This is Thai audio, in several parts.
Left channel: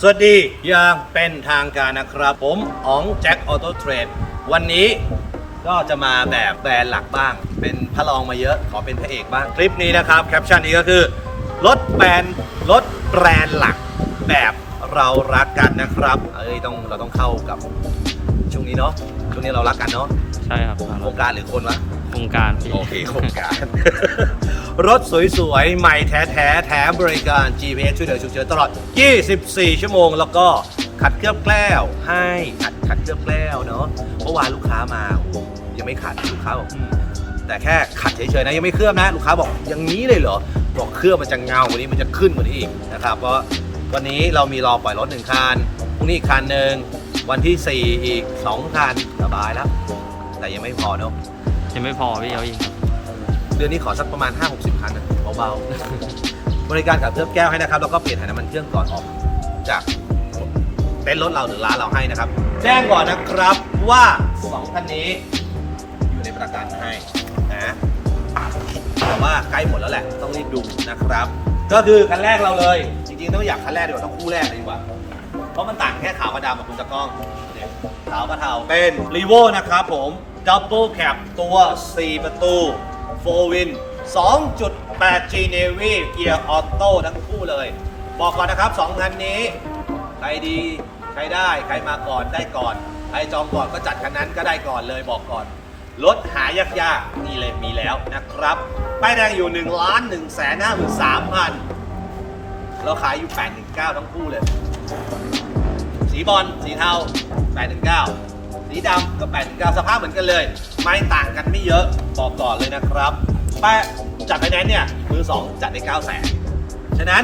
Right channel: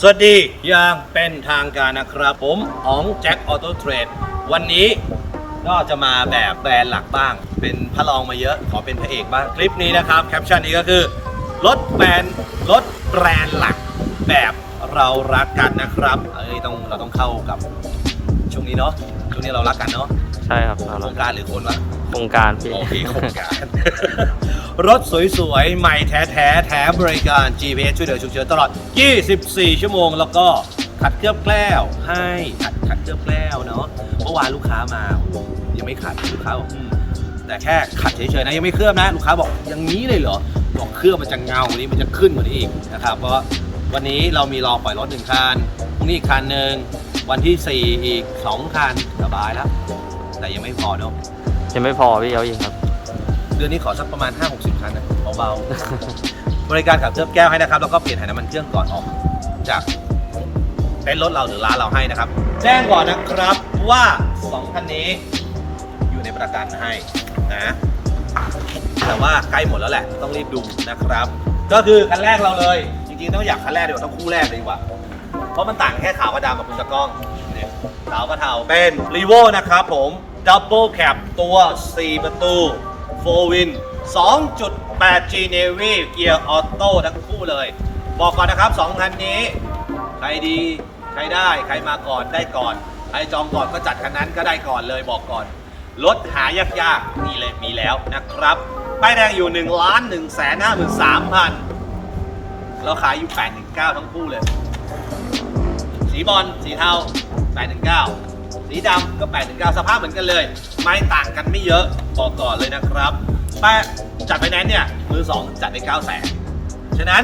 สวัสดีอย่างเป็นทางการนะครับผมอ๋องแจ็คออโต้เทรดวันนี้ก็จะมาแบบแบรนด์หลักบ้าง เป็นพระรองมาเยอะขอเป็นพระเอกบ้าง คลิปนี้นะครับแคปชั่นนี้ก็คือรถแบรนด์รถแบรนด์หลักแบบเรารักกันนะครับเอ้ยต้องเราต้องเข้ากับช่วงนี้เนาะช่วงนี้เรารักกันเนาะใช่ครับโครงการหรือคนวะ โครงการพี่ โอเคโครงการ รถสวยๆ ใหม่แท้ๆ แถมบริการ GPS ช่วยเหลือฉุกเฉินตลอด 24 ชั่วโมง แล้วก็ขัดเคลือบแกล้วให้ขัดขัดเคลือบแกล้วเนาะเมื่อวานลูกค้ามาโอ้ยังไม่ขัดลูกค้าบอกอืมแต่แค่ขัดเฉยๆนะยังไม่เคลือบนะ ลูกค้าบอกอย่างนี้เลยเหรอบอกเคลือบมันจะเงากว่านี้มันจะขึ้นกว่านี้อีกนะครับเพราะวันนี้เรามีรอปล่อยรถหนึ่งคันพรุ่งนี้อีกคันหนึ่งวันที่4อีก2คันสบายแล้วแต่ยังไม่พอเนาะ ยังไม่พอพี่เขาอีกครับ เดือนนี้ขอสักประมาณ 5-60คันนะเบาๆ บริการขับเคลือบแก้วให้นะครับ แล้วก็เปลี่ยนถ่ายน้ำมันเครื่องก่อนออก จากเต็นท์รถเราหรือร้านเราให้นะครับ แจ้งก่อนนะครับว่า2คันนี้อยู่ในประกันให้นะแต่ว่าใกล้หมดแล้วแหละต้องรีบดูนะครับ ก็คือคันแรกเราเลย จริงๆต้องอยากคันแรกดีกว่าต้องคู่แรกเลยดีกว่า เพราะมันต่างแค่ขาวกับดำกับคุณตะกล้องเนี่ยขาวกับเทาเป็นรีโวนะครับผม Double Cab ตัว 4 ประตู4 Win 2.8G Navy เกียร์ออโต้ทั้งคู่เลย บอกก่อนนะครับ 2 คันนี้ ใครดี ใครได้ ใครมาก่อนได้ก่อน ใครจองก่อนก็จัดคันนั้นก็ได้ก่อนเลยบอกก่อน รถหายากๆ นี่เลยมีแล้วนะครับป้ายแดงอยู่1ล้าน1แสน5 3พันเราขายอยู่ 819 ทั้งคู่เลย สีบอลสีเทา 819 สีดำก็819สภาพเหมือนกันเลย ไม่ต่างกันไม่เยอะบอกก่อนเลยนะครับแปะจัดไปแนนเนี่ยมือ 2 จัดได้9 0 0แสนฉะนั้น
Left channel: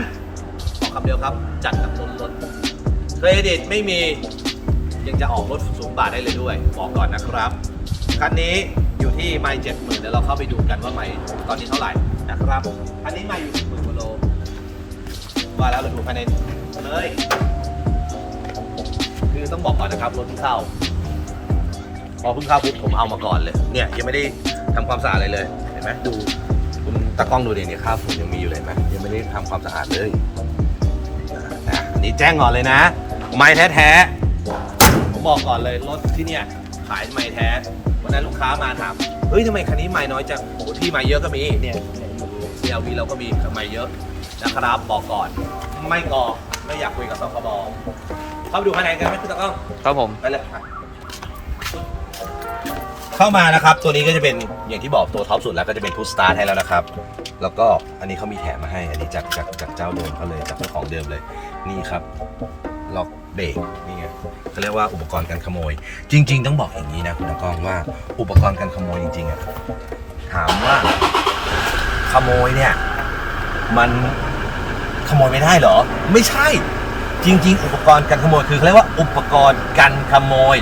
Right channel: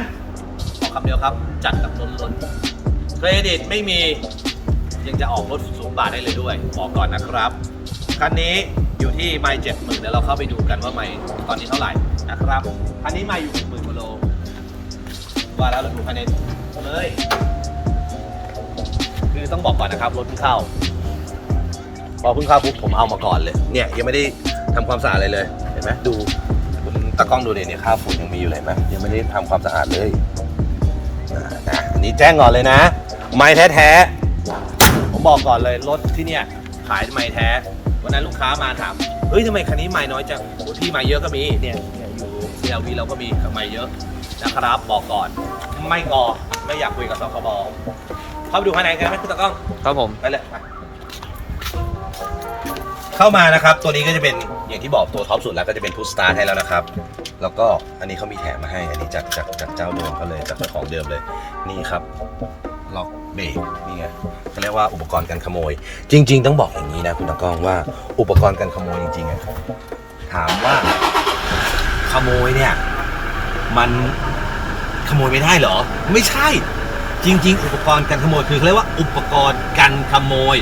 บอกคำเดียวครับจัดแบบล้นล้นๆเครดิตไม่มียังจะออกรถศูนย์บาทได้เลยด้วย บอกก่อนนะครับคันนี้อยู่ที่ไม่เจ็ดหมื่นเดี๋ยวเราเข้าไปดูกันว่าไม่ตอนนี้เท่าไหร่นะครับคันนี้ไม่อยู่หมื่นกว่าโลว่าแล้วเราดูภายในเลย คือต้องบอกก่อนนะครับรถเข้า พอเพิ่งเข้าปุ๊บผมเอามาก่อนเลย เนี่ยยังไม่ได้ทำความสะอาดอะไรเลย เห็นไหมดูคุณตากล้องดูดิเนี่ยครับผมยังมีอยู่เลยเห็นไหมยังไม่ได้ทำความสะอาดเลยนะอันนี้แจ้งก่อนเลยนะ ไม้แท้ๆ ผมบอกก่อนเลยรถที่เนี่ยขายไม้แท้ วันนั้นลูกค้ามาถาม เฮ้ยทำไมคันนี้ไม้น้อยจังโอ้ยพี่ไม้เยอะก็มี เนี่ยเนี่ยอยู่ CLV เราก็มีไม้เยอะนะครับบอกก่อน ไม่งอไม่อยากคุยกับสคบเข้าไปดูภายในกันไหมคุณตากล้อง ครับผม ไปเลยไป เข้ามานะครับ ตัวนี้ก็จะเป็นอย่างที่บอกตัวท็อปสุดแล้วก็จะเป็นทูสตาร์ให้แล้วนะครับ แล้วก็อันนี้เขามีแถมมาให้ อันนี้จากจากจากเจ้าเดิมเขาเลยจากเจ้าของเดิมเลย นี่ครับล็อกเบรกนี่ไงเขาเรียกว่าอุปกรณ์การขโมย จริง ๆ ต้องบอกอย่างนี้นะคุณตากล้องว่าอุปกรณ์การขโมยจริงๆอะถามว่าขโมยเนี่ย มันขโมยไม่ได้เหรอ ไม่ใช่ จริง ๆ อุปกรณ์การขโมยคือเขาเรียกว่าอุปกรณ์กันขโมย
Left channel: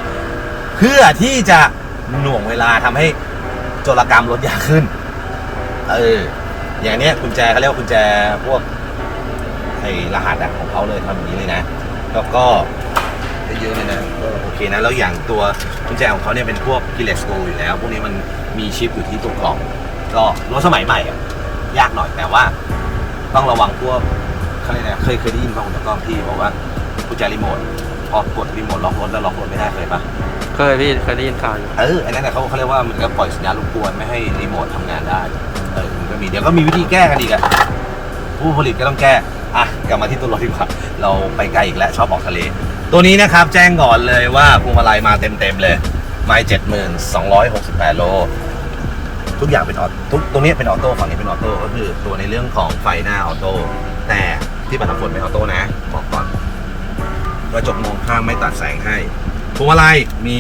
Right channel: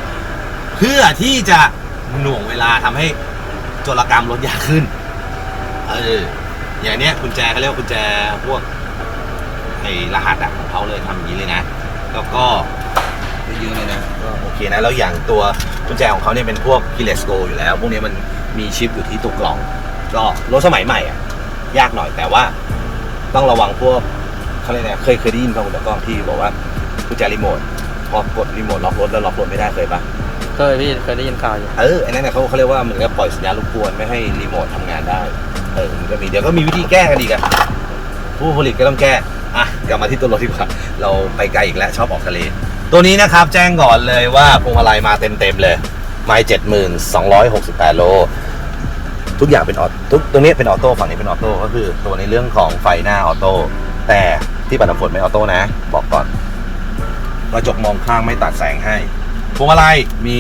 เพื่อที่จะ หน่วงเวลาทำให้โจรกรรมลดยากขึ้น เออ อย่างเนี้ยกุญแจเขาเรียกว่ากุญแจพวกไอ้รหัสอะของเขาเลยทำอย่างนี้เลยนะ แล้วก็ได้เยอะเลยนะก็โอเคนะแล้วอย่างตัวกุญแจของเขาเนี่ยเป็นพวก keyless go อยู่แล้ว พวกนี้มันมีชิปอยู่ที่ตัวกล่อง ก็รถสมัยใหม่อะยากหน่อยแต่ว่าต้องระวังพวกเขาเรียกนะเคยเคยได้ยินป่ะคุณตะกล้องที่บอกว่ากุญแจรีโมทพอกดรีโมทล็อกรถแล้วล็อกรถไม่ได้เคยปะ เคยพี่เคยได้ยินข่าวอยู่ เออ อันนั้นนะเขาเขาเรียกว่าเหมันก็ปล่อยสัญญาณรบกวนไม่ให้รีโมททำงานได้ เออมันก็มีเดี๋ยวก็มีวิธีแก้กันอีกอะผู้ผลิตก็ต้องแก้ อะ กลับมาที่ตัวรถดีกว่า เราไปไกลอีกแล้วชอบออกทะเล ตัวนี้นะครับแจ้งก่อนเลยว่าพวงมาลัยมาเต็มๆเลย ไม้เจ็ดหมื่นสองร้อยหกสิบแปดโล ทุกอย่างเป็นออทุกตรงนี้เป็นออโต้ฝั่งนี้เป็นออโต้ก็คือตัวในเรื่องของไฟหน้าออโต้ แต่ที่บัตรฝนไม่ออโต้นะ บอกก่อนกระจกมองข้างไม่ตัดแสงให้ พวงมาลัยมี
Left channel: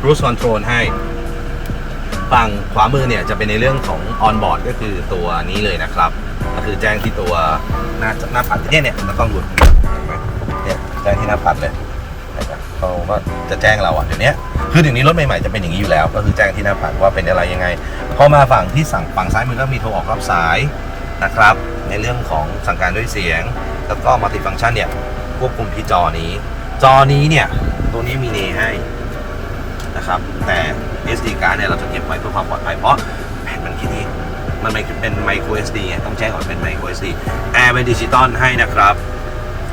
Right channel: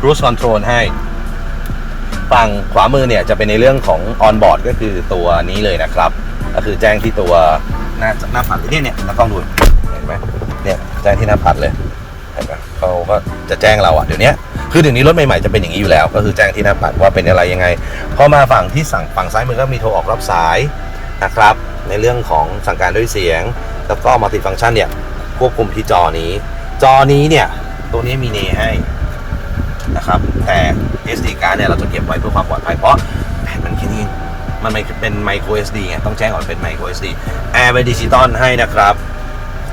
cruise control ให้ ฝั่งขวามือเนี่ยจะเป็นในเรื่องของ on board ก็คือตัวนี้เลยนะครับ ก็คือแจ้งที่ตัวหน้าหน้าปัดเนี่ยเนี่ยตากล้องดูเห็นไหมเนี่ยแจ้งที่หน้าปัดเลยเห็นไหมเขาก็จะแจ้งเราอะเดี๋ยวนี้คือเดี๋ยวนี้รถใหม่ๆจะเป็นอย่างนี้อยู่แล้ว ก็คือแจ้งที่หน้าปัดว่าเป็นอะไรยังไงพอมาฝั่งที่สั่งฝั่งซ้ายมือก็มีโทรออกรับสายนะครับ ในเรื่องของสั่งการด้วยเสียง แล้วก็มัลติฟังก์ชันเนี่ยควบคุมที่จอนี้ จอนี้เนี่ย ตัวนี้มีเนให้นะครับ แต่ SD card เนี่ยเราจะเก็บไว้เพื่อความปลอดภัยเพราะแผ่นมันแค่นี้มันเป็นเป็นไมโคร SD ไงต้องแจ้งก่อนเป็นไมโคร SD แอร์เป็นดิจิตอลให้นะครับ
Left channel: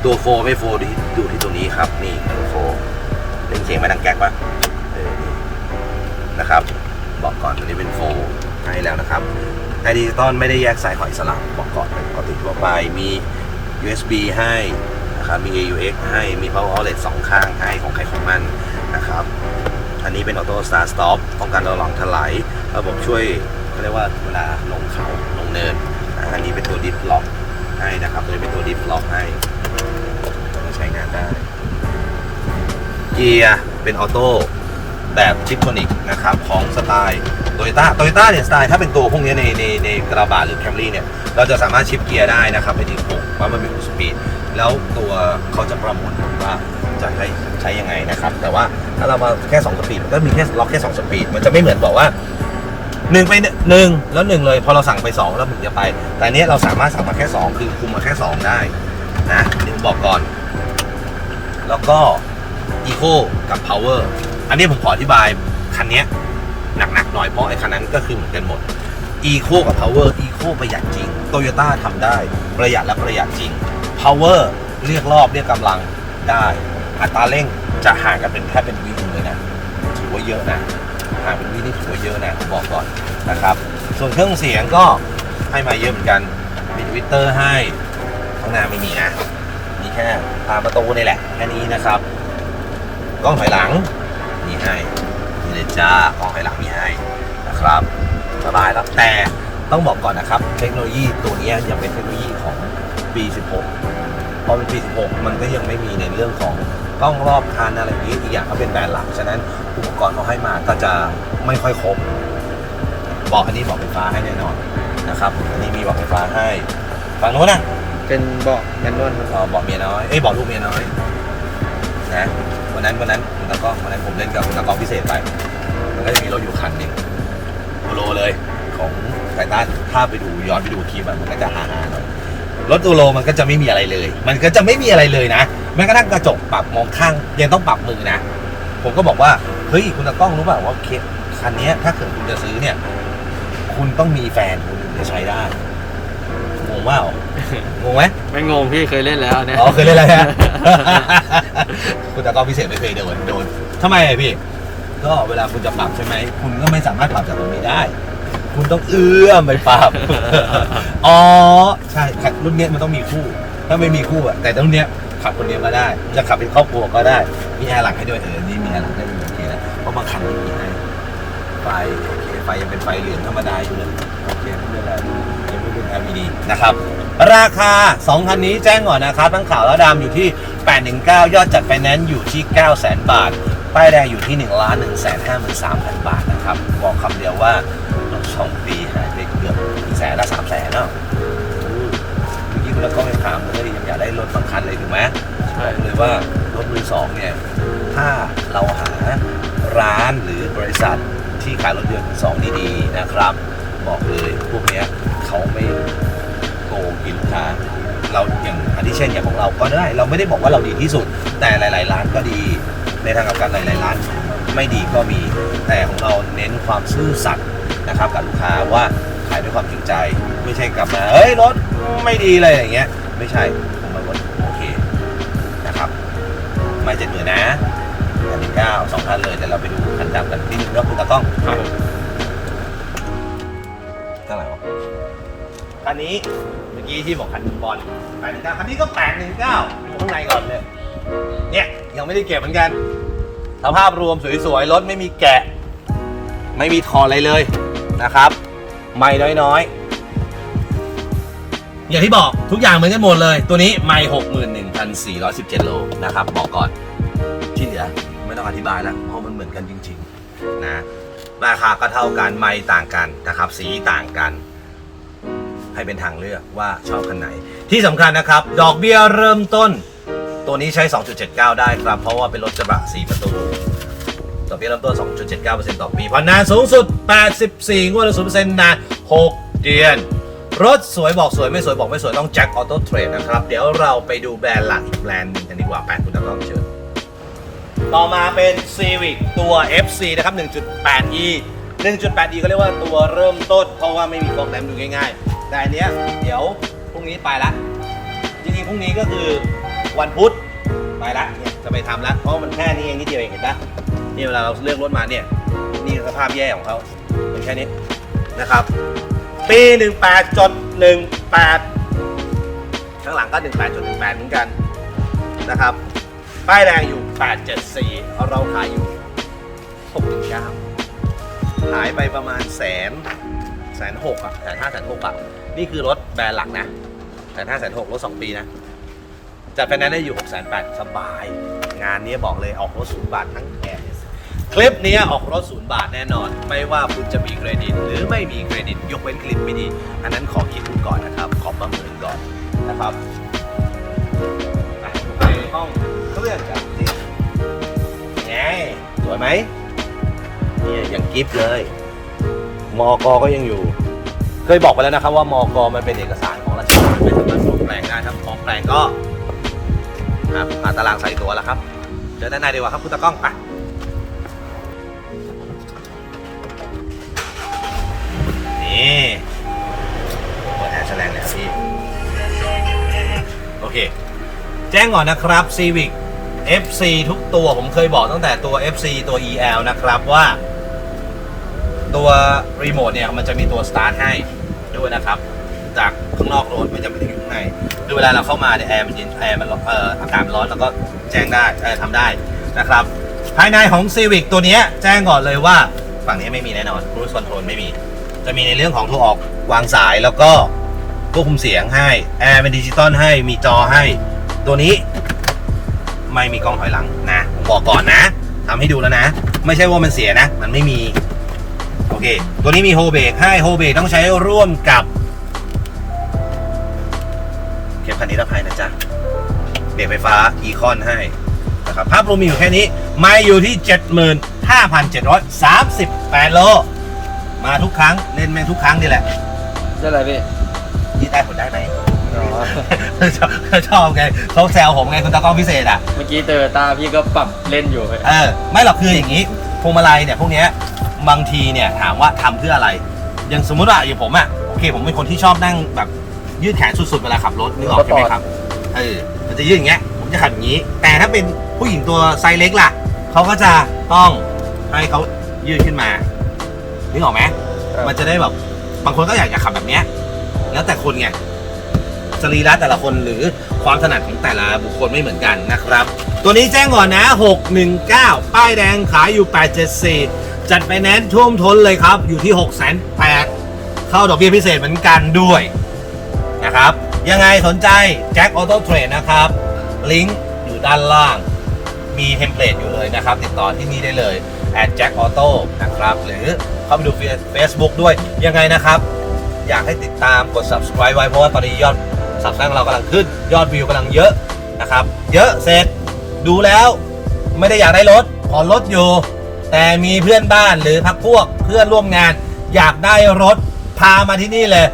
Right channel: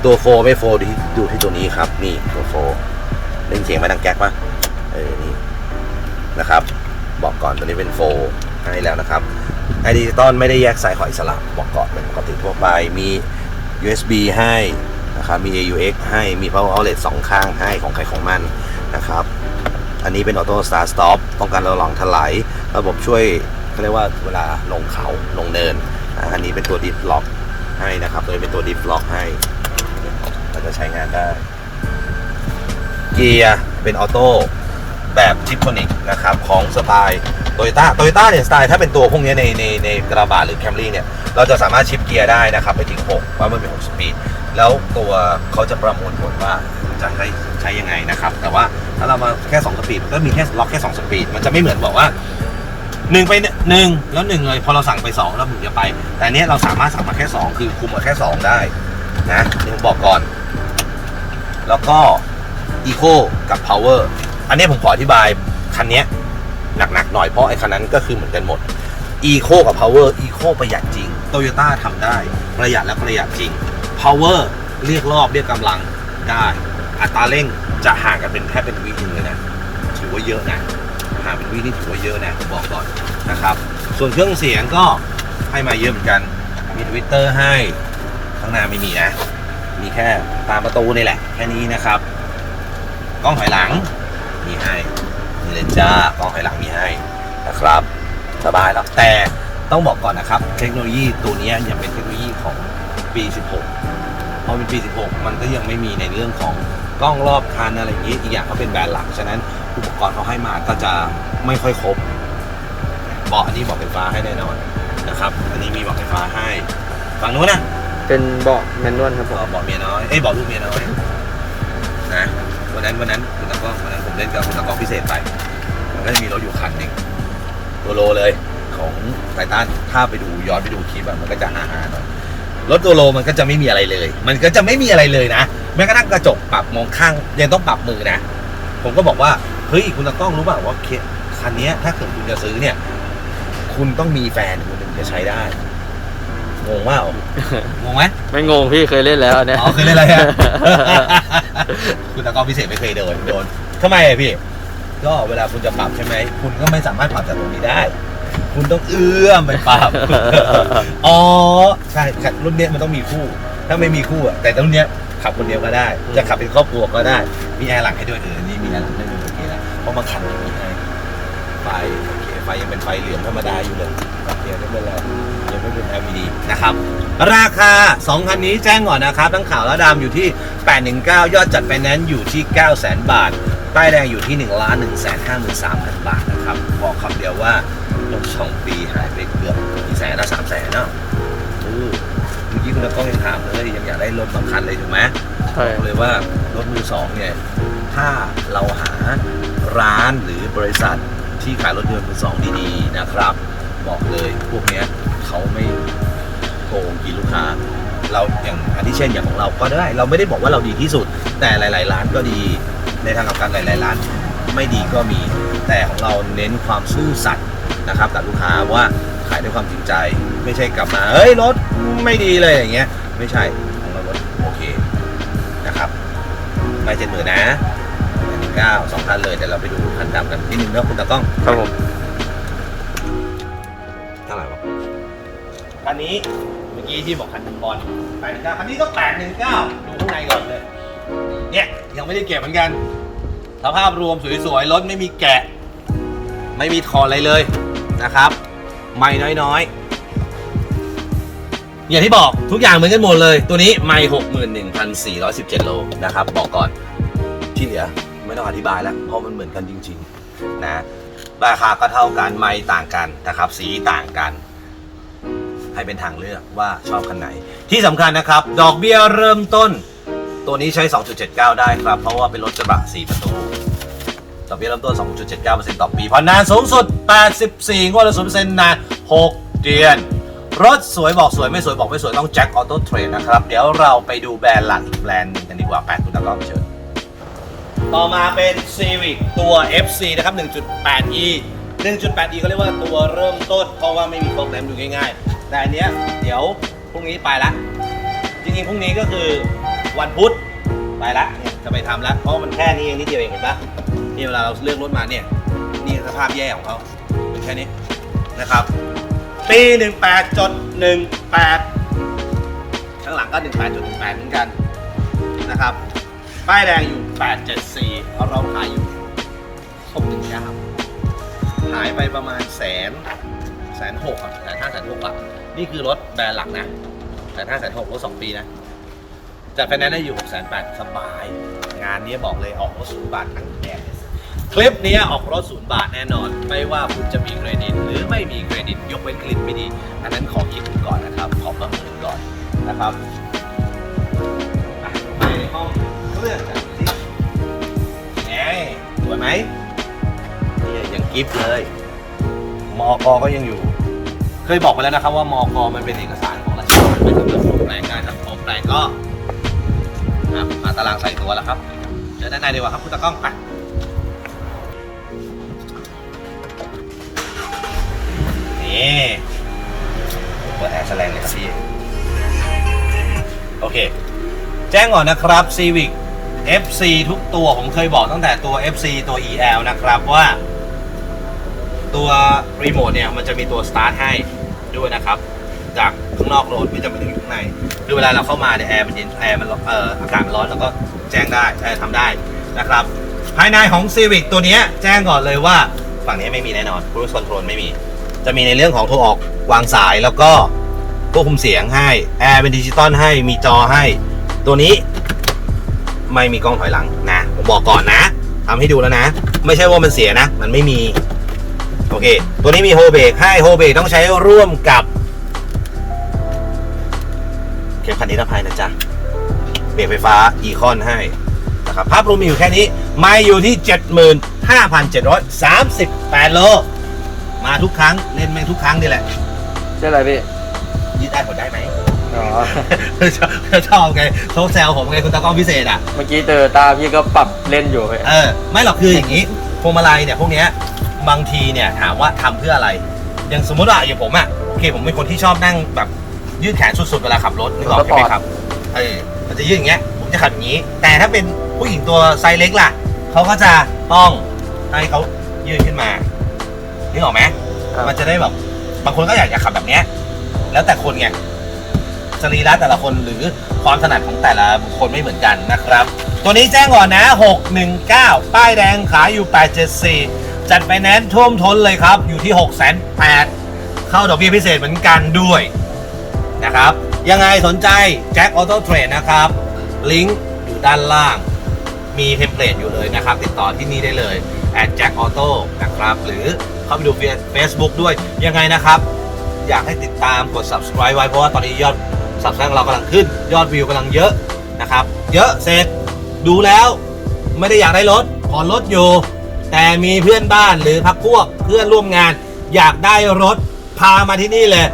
ตัวโฟไม่โฟดูดูที่ตัวนี้ครับ นี่ตัวโฟเล่นเสียงไม่ดังแก๊กวะเออนี่นะครับ บอกก่อนตัวนี้เป็นโฟให้แล้วนะครับไอดิจิตอลไม่ได้แยกสายขออิสระบอกก่อนเป็นปกติทั่วไปมี USB ให้ นะครับมี AUX ให้มี power outlet สองข้างให้ของใครของมันนะครับ อันนี้เป็นออโต้สตาร์ t สต็อปป้องกันเราหลองถลายระบบช่วยเรียกว่าเวลาลงเขาลงเนินอันนี้เป็นตัวดิฟล็อกให้นะครับตัวนี้เป็นตัวดิฟล็อกให้จะใช้งานได้เกียร์เป็นออโต้แบบทิปโทนิกนะครับของสไตล์โตโยต้าโตโยต้าเนี่ยสไตล์ถ้าเป็นตัวพวกนี้ในในในกระบะหรือแคมรี่เนี่ย เราจะสามารถชิปเกียร์ได้นะครับไปถึง6เพราะมันเป็น6สปีด แล้วตัวเขาจะประมวลผลว่าจะให้ใช้ยังไงนะครับ แต่ว่าถ้าเรามาแค่2สปีดก็มีแค่ล็อกแค่2สปีดมันจะไม่เหมือนบอกว่า1ไปหนึ่งแล้ว1เลย พอเราสั่งไป2แล้วมึงจะไป แต่เนี้ยเราสามารถสั่งมาแค่2คือคุมมาแค่2ได้นะเดี๋ยวบอกก่อน แล้วก็ Eco กับ Power อันนี้ผมขออธิบายคันนี้หนักๆหน่อยเพราะไอ้คันนั้นก็คือเหมือนกันหมด Eco กับ Power Eco ประหยัดจริง Toyota ทำได้ ประหยัดและประหยัดจริง Power เรียกรอบเรียกกำลังได้ อัตราเร่งจะห่างกันเป็นแทบเป็นวินึงเลยนะ ถือว่าเยอะนะห่างเป็นวินี่ถือว่าเยอะนะผมบอกก่อนนะครับ ส่วนเครื่องเสียงก็ให้มาเยอะเหมือนกันมีทวิตเตอร์ให้ข้างหน้าไม่มีนะ มีแค่ตามประตูนี่แหละ แค่นี้นะครับ กล้องถอยหลังมีให้มีเลยจ้ากล้องถอยหลังมีให้นะครับสบายแล้วแต่ ต้องบอกก่อนนะครับ เทคโนโลยีตัวนี้ยังเป็นเทคโนโลยีของปี 16 พอเป็นปี 16 มันก็ยังไม่มีในเรื่องของกล้องรอบคันอะไรอย่างนี้อีกอย่างเขาเป็นแบรนด์หลัก ฉะนั้นอุปกรณ์เขาให้มาก็จะไม่ค่อยครบบอกอันนี้บอกไฟฟ้าให้แน่นอนนะครับ อันนี้มีบอกไฟฟ้าให้ฝั่งโน้นนะเป็นเบอกแมนนวลครับบอกบอกเมียน้อย เอ้ยบอกลูกเมียน้อยนะวันนั้นวันนั้นคุณตากล้องวันนั้นผมเล่นกับคุณตากล้องพิเศษไปมันก็จะมีรถอยู่คันหนึ่งโตัวโลเลย ของไททันถ้าไปดูย้อนไปดูคลิปอะมันก็จะหาๆหน่อยรถตัวโลมันก็จะไม่มีอะไรเลย มันก็จะไม่มีอะไรเลยนะแม้กระทั่งกระจกปรับมองข้างยังต้องปรับมือนะ ผมก็บอกว่าเฮ้ยคุณตากล้องรู้เปล่าว่าเคคันเนี้ยถ้าเกิดคุณจะซื้อเนี่ย คุณต้องมีแฟนคุณถึงจะใช้ได้งงว่างงไหมไม่งงพี่เคยเล่นแล้วเนี่ยอ๋อเคยเล่นอะไรฮะคุณตากล้องพิเศษไม่เคยโดนโดนทำไมอะพี่ ก็เวลาคุณจะปรับใช่ไหมคุณก็ไม่สามารถปรับจากตรงนี้ได้ คุณต้องเอื้อมไปปรับอ๋อ ใช่ขับรุ่นเนี้ยมันต้องมีคู่ ถ้าไม่มีคู่อะแต่รุ่นเนี้ยขับคนเดียวก็ได้ จะขับเป็นครอบครัวก็ได้ มีแอร์หลังให้ด้วยเออ นี่มีแอร์หลังให้ด้วยโอเคแล้วเพราะบางคันไม่มีให้ ไฟโอเค ไฟยังเป็นไฟเหลืองธรรมดาอยู่เลย โอเคไม่เป็นไรยังไม่เป็น LED นะครับ ราคา 2 คันนี้แจ้งก่อนนะครับ ทั้งขาวและดำอยู่ที่ 819 ยอดจัดไฟแนนซ์อยู่ที่ 900,000 บาท ป้ายแดงอยู่ที่1ล้าน1 5 3 0 0 0 บาทนะครับ บอกคำเดียวว่า รถ2ปีหายไปเกือบ1แสนละ3แสนเนาะเออเมื่อกี้คุณก็ยังถามเลยยังอยากได้รถสำคัญเลยถูกไหมใช่บอกเลยว่ารถมือสองเนี่ย ถ้าเราหาร้านหรือบริษัทที่ขายรถยนต์มือสองดีๆนะครับ บอกเลยพวกเนี้ยเขาไม่โกงกินลูกค้า เราอย่างอันที่เช่นอย่างของเราก็ได้ เราไม่ได้บอกว่าเราดีที่สุด แต่หลาย ๆ ร้านก็ดีในทางกลับกันหลาย ๆ ร้าน ไม่ดีก็มีแต่ของเราเน้นความซื่อสัตย์ นะครับกับลูกค้าว่าขายด้วยความจริงใจ ไม่ใช่กลับมาเฮ้ยรถไม่ดีเลยอย่างเงี้ย ไม่ใช่ของเรารถโอเคนะครับ ไม่เจ็ดหมื่นนะอันนี้เก้าสองคันเลยเดี๋ยวเราไปดูคันดำกันนิดนึงนะคุณตากล้องครับผมเท่าไหร่วะคันนี้เมื่อกี้ที่บอกคันบอลแปดหนึ่งเก้าคันนี้ก็แปดหนึ่งเก้าดูข้างในก่อนเลยเนี่ยยังไม่ได้เก็บเหมือนกันสภาพรวมสวยๆ รถไม่มีแกะ ไม่มีถอดอะไรเลย นะครับ ไม่น้อยๆ อย่างที่บอกทุกอย่างเหมือนกันหมดเลย ตัวนี้ไม่หกหมื่นหนึ่งพันสี่ร้อยสิบเจ็ดโลนะครับ บอกก่อนที่เหลือไม่ต้องอธิบายแล้วเพราะมันเหมือนกันจริง ๆ นะ ราคาก็เท่ากันไม่ต่างกันนะครับ สีต่างกัน ให้เป็นทางเลือกว่าชอบคันไหน ที่สำคัญนะครับ ดอกเบี้ยเริ่มต้น ตัวนี้ใช้ 2.79 ได้ครับ เพราะว่าเป็นรถกระบะ4ประตู ดอกเบี้ยเริ่มต้น 2.79%ต่อปีผ่อนนานสูงสุด 84 งวดละ0%นาน 6 เดือน รถสวยบอกสวยไม่สวยบอกไม่สวยต้องแจ็คออโต้เทรดนะครับ เดี๋ยวเราไปดูแบรนด์หลักอีกแบรนด์หนึงกันดีกว่าแปดคุณตะก้องเชิญต่อมาเป็น Civic ตัว FC นะครับ 1.8e 1.8e เขาเรียกว่าตัวเริ่มต้น เพราะว่าไม่มีโปรแกรมดูง่ายๆ แต่อันเนี้ยเดี๋ยวพรุ่งนี้ไปละ จริงๆ พรุ่งนี้ก็คือวันพุธไปละเนี่ยจะไปทำละเพราะมันแค่นี้เองนิดเดียวเองเห็นปะ นี่เวลาเราเลือกรถมาเนี่ยนี่สภาพแย่ของเขาเป็นแค่นี้นะครับ ปี18จด18ข้างหลังก็ 18จด18เหมือนกันนะครับป้ายแดงอยู่ 874เอาเราขายอยู่619หายไปประมาณแสนแสนหกอะแสนห้าแสนหกอะนี่คือรถแบรนด์หลักนะแสนห้าแสนหกรถสองปีนะจัดไฟแนนซ์ได้อยู่6 8 0 0 0สบาย งานนี้บอกเลยออกรถศูนย์บาททั้งแถบเนี่ย คลิปนี้ออกรถศูนย์บาทแน่นอน ไม่ว่าคุณจะมีเครดิต หรือไม่มีเครดิต ยกเว้นเครดิตไม่ดี อันนั้นขอคิดก่อนนะครับ ขอประเมินก่อนนะครับไปห้องเครื่องกันสิแหมสวยไหมเนี่ยยังกิฟต์เลย มอกก็ยังอยู่ เคยบอกไปแล้วนะครับว่ามอกมันเป็นเอกสารของราชการไม่สามารถปลอมแปลงได้ถ้าปลอมแปลงก็ครับมาตารางใส่ตัวแล้วครับเจอด้านในดีกว่าครับคุณตากล้องไป นี่เปิดแอร์แสลงเลยครับพี่ โอเค แจ้งก่อนนะครับ Civic FC ทุกตัวผมเคยบอกตั้งแต่ตัว FC ตัว EL นะครับว่าตัวรีโมทเนี่ยมันจะมีตัว start ให้ด้วยนะครับ จากข้างนอกรถไม่จำเป็นต้องอยู่ข้างในคือเวลาเราเข้ามาเนี่ยแอร์มันเย็นแอร์มันอนเอ่ออากาศร้อนเราก็แจ้งได้เอ่อทำได้นะครับ ภายในของ Civic ตัวเนี้ยแจ้งก่อนเลยว่า ฝั่งนี้ไม่มีแน่นอน Cruise Control ไม่มี จะมีในเรื่องของโทรออกวางสายแล้วก็ควบคุมเสียงให้แอร์เป็นดิจิตอลให้มีจอให้ ตัวนี้ไม่มีกล้องถอยหลังนะผมบอกก่อนนะทำให้ดูแล้วนะ ไม่ใช่ว่ามันเสียนะ มันไม่มี โอเค ตัวนี้มีโฮเบรกให้โฮเบรกต้องใช้ร่วมกับเข็มขัดนิรภัยนะจ๊ะเบรกไฟฟ้าอีคอนให้นะครับภาพรวมมีอยู่แค่นี้ ไม่อยู่ที่ 75,738 โล มาทุกครั้งเล่นแม่งทุกครั้งนี่แหละก็อะไรพี่ยืดได้ผลได้ไหมอ๋อชอบชอบไงเขาแซวผมไงคุณตากล้องพิเศษอะเมื่อกี้เจอตาพี่ก็ปรับเล่นอยู่พี่เออไม่หรอกคืออย่างนี้พวงมาลัยเนี่ยพวกเนี้ยบางทีเนี่ยถามว่าทำเพื่ออะไร อย่างสมมติว่าอย่างผมอะโอเคผมเป็นคนที่ชอบนั่งแบบยืดแขนสุดๆเวลาขับรถนึกออกใช่ไหมครับเออมันจะยืดอย่างเงี้ยผมจะขับอย่างนี้ แต่ถ้าเป็นผู้หญิงตัวไซส์เล็กล่ะเขาก็จะต้องให้เขายืดขึ้นมา นึกออกไหมมันจะได้แบบบางคนก็อยากจะขับแบบเนี้ย แล้วแต่คนไงสรีระแต่ละคนหรือความถนัดของแต่ละบุคคลไม่เหมือนกันนะครับ ตัวนี้แจ้งก่อนนะ 619 ป้ายแดงขายอยู่ 874 จัดไฟแนนซ์ท่วมท้นเลยครับ อยู่ที่ 6 8 0 0เข้าดอกเบี้ยพิเศษเหมือนกันด้วย นะครับ ยังไงสนใจแจ็คออโต้เทรดนะครับ ลิงก์อยู่ด้านล่าง มีเทมเพลตอยู่เลยนะครับ ติดต่อที่นี่ได้เลย at jack auto นะครับ หรือ เข้าไปดู Facebook ด้วยยังไงนะครับ อยากให้ติดตามกด subscribe ไว้เพราะว่าตอนนี้ยอด subscribe ขอเรากำลังขึ้น ยอดวิวกำลังเยอะนะครับ เยอะเสร็จดูแล้วไม่ได้อยากได้รถขอรถอยู่ แต่มีเพื่อนบ้านหรือพักพวกเพื่อนร่วมงาน อยากได้รถพามาที่นี่เลย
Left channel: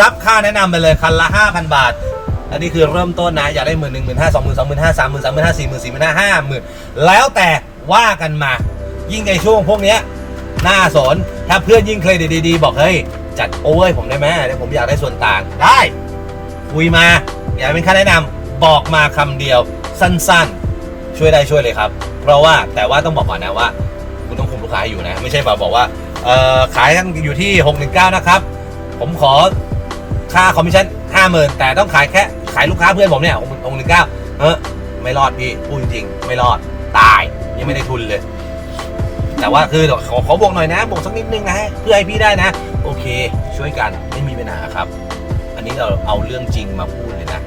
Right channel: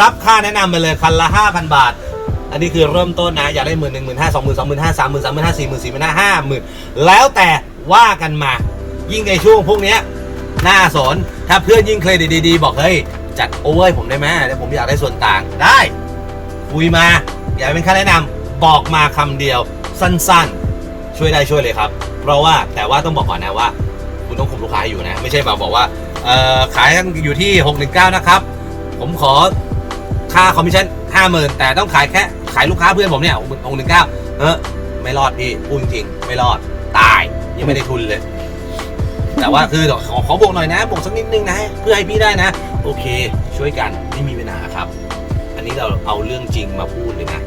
รับค่าแนะนำไปเลยคันละ 5,000 บาทอันนี้คือเริ่มต้นนะ อยากได้หมื่นหนึ่งหมื่นห้าสองหมื่นสองหมื่นห้าสามหมื่นสามหมื่นห้าสี่หมื่นสี่หมื่นห้าห้าหมื่นแล้วแต่ว่ากันมา ยิ่งในช่วงพวกเนี้ย น่าสน ถ้าเพื่อนยิ่งเครดิตดีๆ บอกเฮ้ย จัดโอเวอร์ให้ผมได้ไหมเดี๋ยวผมอยากได้ส่วนต่างได้ คุยมา อยากเป็นค่าแนะนำบอกมาคำเดียวสั้นๆ ช่วยได้ช่วยเลยครับ เพราะว่าแต่ว่าต้องบอกก่อนนะว่า คุณต้องคุมลูกค้าอยู่นะ ไม่ใช่แบบบอกว่าเออขายอยู่ที่ 619 นะครับ ผมขอค่าคอมมิชชั่น50,000แต่ต้องขายแค่ขายลูกค้าเพื่อนผมเนี่ย619เออไม่รอดพี่พูดจริงๆไม่รอดตายยังไม่ได้ทุนเลย แต่ว่าคือขอขอบวกหน่อยนะบวกสักนิดนึงนะเพื่อให้พี่ได้นะ โอเค ช่วยกันไม่มีปัญหาครับ อันนี้เราเอาเรื่องจริงมาพูดเลยนะ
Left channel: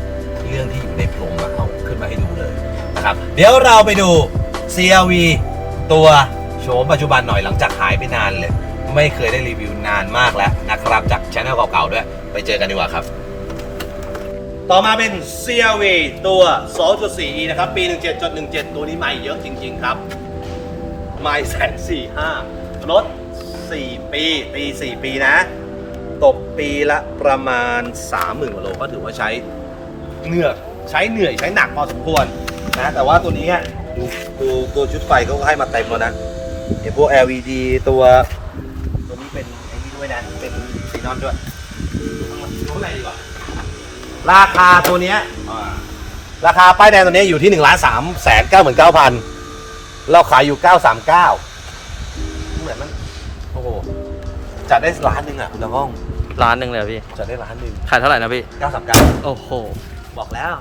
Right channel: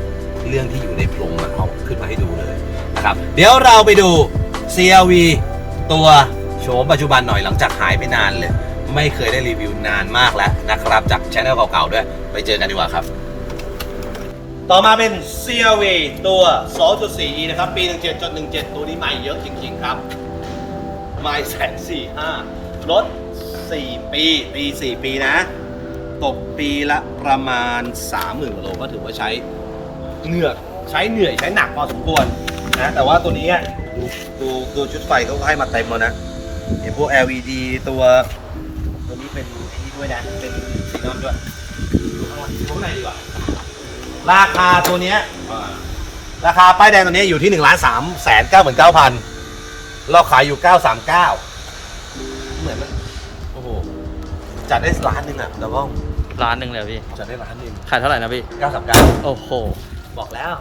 เรื่องที่อยู่ในโพรงเอาขึ้นมาให้ดูเลยนะครับ เดี๋ยวเราไปดู CRV ตัวโฉมปัจจุบันหน่อยหลังจากหายไปนานเลย ไม่เคยได้รีวิวนานมากแล้วนะครับ จากช anel เก่าๆด้วย ไปเจอกันดีกว่าครับ ต่อมาเป็น CRV ตัว 2.4e นะครับ ปี 17.17 ตัวนี้ใหม่เยอะจริง ๆ ครับ ไม่แสนสี่ห้ารถ 4 ปีปี 4 ปีนะ ตกปีละประมาณ 30,000กว่าโลก็ถือว่าใช้เหนื่อยใช้เหนื่อยใช้หนักพอสมควรนะแต่ว่าตัวนี้ดูดูดูชุดไฟเขาให้มาเต็มแล้วนะเห็นพวก LED ตัวตัวนี้เป็นไอ้นี่ด้วยนะ เป็นซีนอนด้วยดูข้างหลังดูข้างในดีกว่าราคาตัวเนี้ยราคาป้ายแดงตัวนี้อยู่ที่หนึ่งล้านสามแสนเก้าหมื่นเก้าพัน เราขายอยู่เก้าสามเก้าเหมือนมั้ยโอ้โหจัดได้ล้านหนึ่งอะน้องร้านหนึ่งเลยพี่ จัดได้ล้านหนึ่งขายเท่าไหร่นะพี่เก้าสามเก้าโอ้โหบอกแล้ว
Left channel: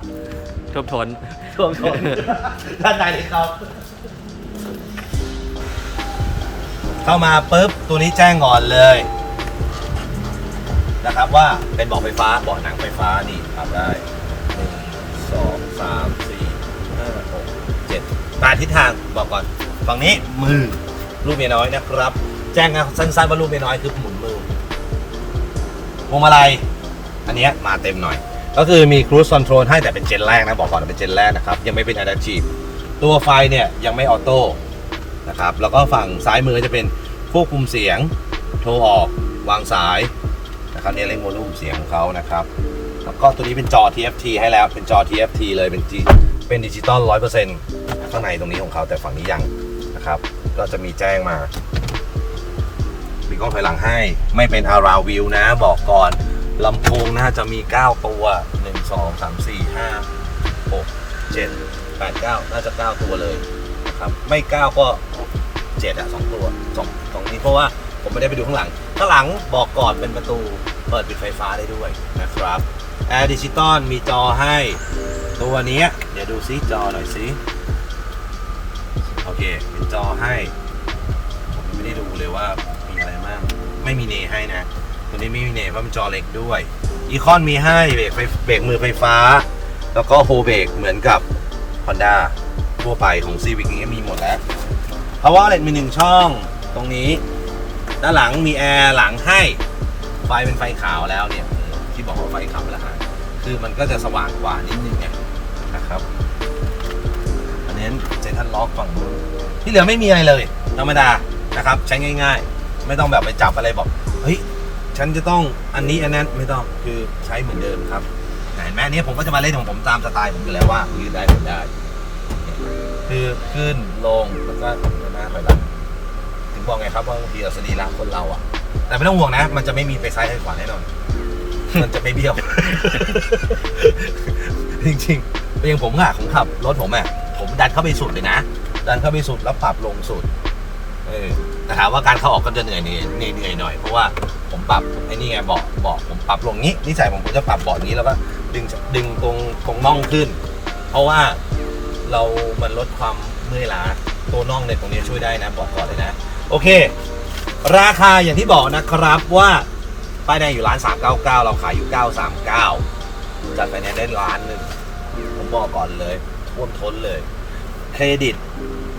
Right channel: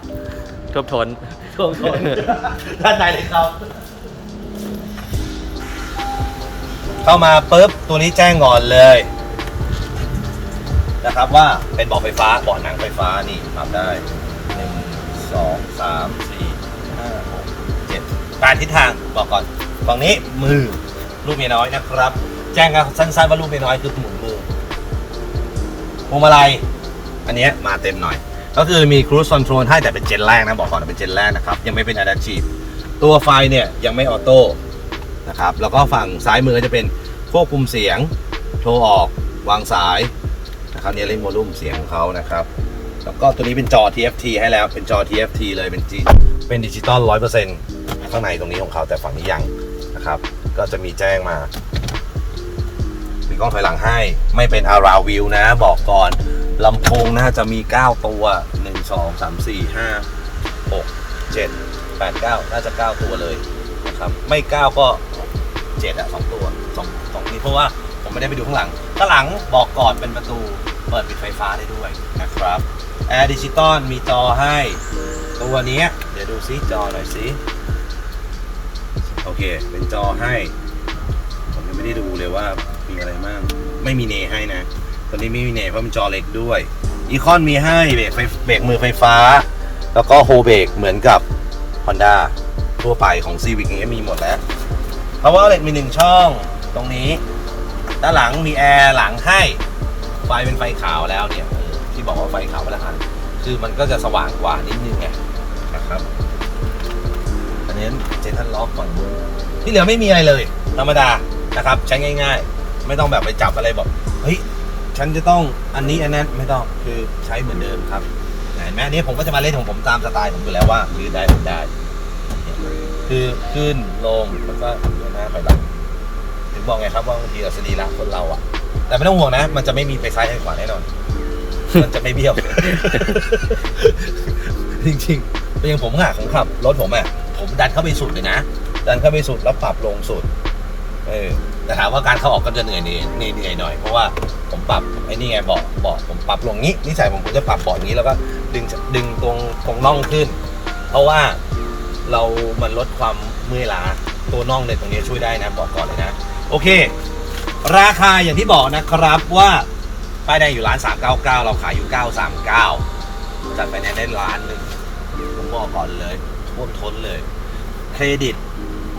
ท่วมทนช่วงชนด้านในเลยครับ เข้ามาปุ๊บ ตัวนี้แจ้งก่อนเลย นะครับว่าเป็นเบาะไฟฟ้าเบาะหนังไฟฟ้านี่ปรับได้หนึ่งสองสามสี่ห้าหก เจ็ดแปดทิศทางบอกก่อนฝั่งนี้มือลูกเมียน้อยนะครับ แจ้งกันสั้นๆว่าลูกเมียน้อยคือหมุนมือพวงมาลัยอันนี้มาเต็มหน่อย ก็คือมี cruise control ให้แต่เป็นเจนแรกนะ บอกก่อนเป็นเจนแรกนะครับ ยังไม่เป็น adaptive ตัวไฟเนี่ยยังไม่ออโต้นะครับแล้วก็ฝั่งซ้ายมือจะเป็นควบคุมเสียงโทรออกวางสายนะครับนี่เร่งโวลูมเสียงของเขานะครับ แล้วก็ตัวนี้เป็นจอ TFT ให้แล้วเป็นจอ TFT เลยเป็นเป็นดิจิตอล100% ข้างในตรงนี้ของเขาแต่ฝั่งนี้ยังนะครับ ก็จะมีแจ้งมา มีกล้องถอยหลังให้ ไม่เป็น around view นะ บอกก่อนลำโพงน่าจะมี 9 ตัว 1 2 3 4 5 6 7 8 9 น่าจะ 9 ตัวเลยนะครับไม่ 9 ก็ 7อะ2ตัว2 2นี้เพราะว่าผมไม่ได้ไปดูข้างหลัง ข้างหลังบอกก่อนเป็นประตูเปิดปิดไฟฟ้าได้ด้วยนะครับแอร์ดิจิตอลมีจอให้ ตัวนี้เดี๋ยวดูซิจอหน่อยซิ โอเค เป็นจอให้ ผมยังไม่ได้ดูเลยว่ามีอะไรบ้างไม่มีเนให้นะตัวนี้ไม่มีเนเพราะมันจอเล็กด้วยอีคอนมีให้เบรกไฟเบรกมือไฟฟ้า แล้วก็โฮเบรกเหมือนกับ Honda ทั่วไปของ Civic นี้มีหมดแล้ว เพราะว่าเล็กมีหนึ่งช่องตรงนี้ ด้านหลังมีแอร์หลังให้ ไฟเป็นไฟขาวแล้วเนี่ยที่บอกว่าไฟขาวแล้วกันคือมันก็จะสว่างกว่านิดนึงไงนะครับ นี้เจนทันล็อกฝั่งนู้นที่เหลือไม่มีอะไรเลย ธรรมดานะครับ ใช้ง่าย ๆ ไม่ต้องแบบไปจับอะไรบอก เฮ้ย ฉันจะต้องอันนี้อันนั้นไม่ต้องคือใช้เหมือนเดิมครับเห็นไหมอันนี้ผมก็จะมาเล่นของผมตามสไตล์ผมอยู่แล้วว่าหรือได้หรือได้ คือขึ้นลงแล้วก็เดินหน้าถอยหลังถึงบอกไงครับว่าบางทีเราสรีระคนเราอะแต่ไม่ต้องห่วงนะ มันจะไม่มีไปซ้ายไปขวาแน่นอน มันจะไม่เบี้ยว จริงๆเป็นอย่างผมอะผมขับรถผมอะ ผมดันเข้าไปสุดเลยนะ ดันเข้าไปสุดแล้วปรับลงสุด เออแต่ถามว่าการเข้าออกก็จะเหนื่อยเหนื่อยเหนื่อยเหน่อยเพราะว่าผมปรับไอ้นี่ไงเบาะเบาะผมปรับลงนี้นิสัยผมผมจะปรับเบาะอย่างนี้แล้วก็ดึงดึงตรงตรงน่องขึ้น เพราะว่าเรามันลดความเมื่อยล้าตัวน่องเนี่ยตรงนี้ช่วยได้นะบอกก่อนเลยนะ โอเค ราคาอย่างที่บอกนะครับว่าป้ายแดงอยู่ร้าน 399 เราขายอยู่ 939 จัดไปแนนได้ล้านหนึ่งผมบอกก่อนเลย ท่วมท้นเลย เครดิต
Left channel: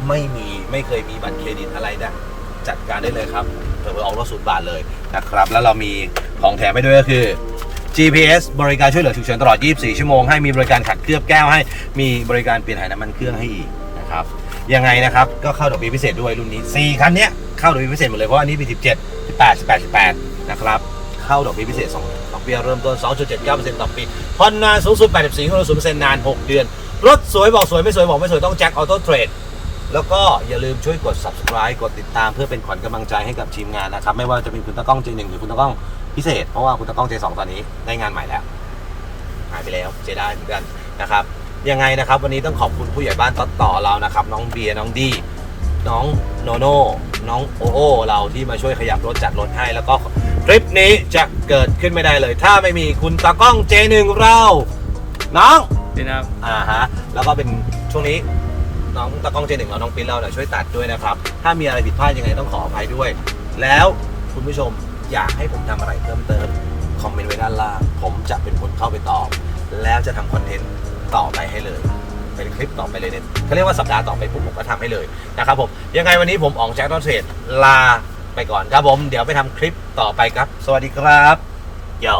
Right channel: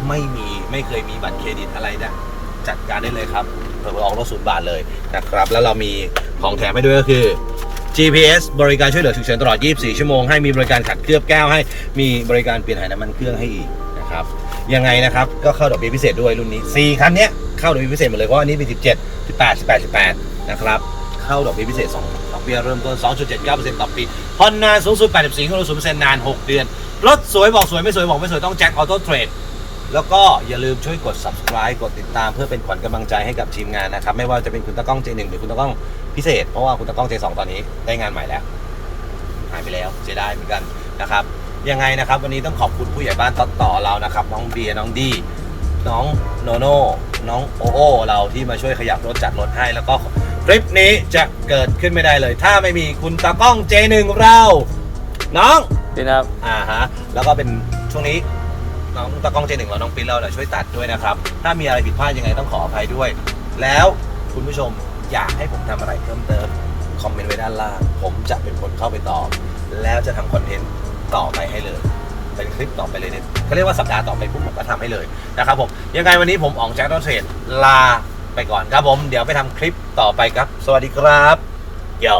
ไม่มีไม่เคยมีบัตรเครดิตอะไรนะจัดการได้เลยครับเปิดอออกรถศูนย์บาทเลยนะครับ แล้วเรามีของแถมให้ด้วยก็คือ GPS บริการช่วยเหลือฉุกเฉินตลอด 24 ชั่วโมงให้มีบริการขัดเคลือบแก้วให้มีบริการเปลี่ยนถ่ายน้ำมันเครื่องให้อีกนะครับยังไงนะครับ ก็เข้าดอกเบี้ยพิเศษด้วยรุ่นนี้ 4 คันเนี้ยเข้าดอกเบี้ยพิเศษหมดเลยเพราะอันนี้เป็น17 18 18 18 นะครับ เข้าดอกเบี้ยพิเศษ 2 อกเบี้ยเริ่มต้น 2.79%ต่อปีผ่อนนานสูงสุด 84ของเรา0%นาน 6 เดือน รถสวยบอกสวยไม่สวยบอกไม่สวยต้องแจ็คออโต้เทรดแล้วก็อย่าลืมช่วยกด subscribe กดติดตามเพื่อเป็นขวัญกำลังใจให้กับทีมงานนะครับ ไม่ว่าจะเป็นคุณตะก้อง J1 หรือคุณตะก้องพิเศษ เพราะว่าคุณตะก้อง J2 ตอนนี้ได้งานใหม่แล้วหายไปแล้วเสียดายเหมือนกันนะครับยังไงนะครับ วันนี้ต้องขอบคุณผู้ใหญ่บ้านต่อต่อเรานะครับ น้องเบียร์น้องดี น้องโนโน่น้องโอโอเราที่มาช่วยขยับรถจัดรถให้ แล้วก็คลิปนี้จะเกิดขึ้นไม่ได้เลย ถ้าไม่มีคุณตากล้อง J1 เรา น้องนี่นะครับอ่าฮะแล้วก็เป็นช่วงนี้น้องตากล้องเจหนึ่งเราน้องปิ้นเราเนี่ยช่วยตัดด้วยนะครับ ถ้ามีอะไรผิดพลาดยังไงต้องขออภัยด้วย แล้วคุณผู้ชมอยากให้ผมทำอะไรเพิ่มเติมคอมเมนต์ไว้ด้านล่าง ผมจะเป็นคนเข้าไปตอบ แล้วจะทำคอนเทนต์ต่อไปให้เลย เป็นคลิปต่อไปเลยเนี่ยเขาเรียกว่าสัปดาห์ต่อไปปุ๊บผมก็ทำให้เลยนะครับผมยังไงวันนี้ผมอองแจ็คดอนเทรดลาไปก่อนครับผม เดี๋ยวไปทำคลิปต่อไปครับ สวัสดีครับเดี๋ยว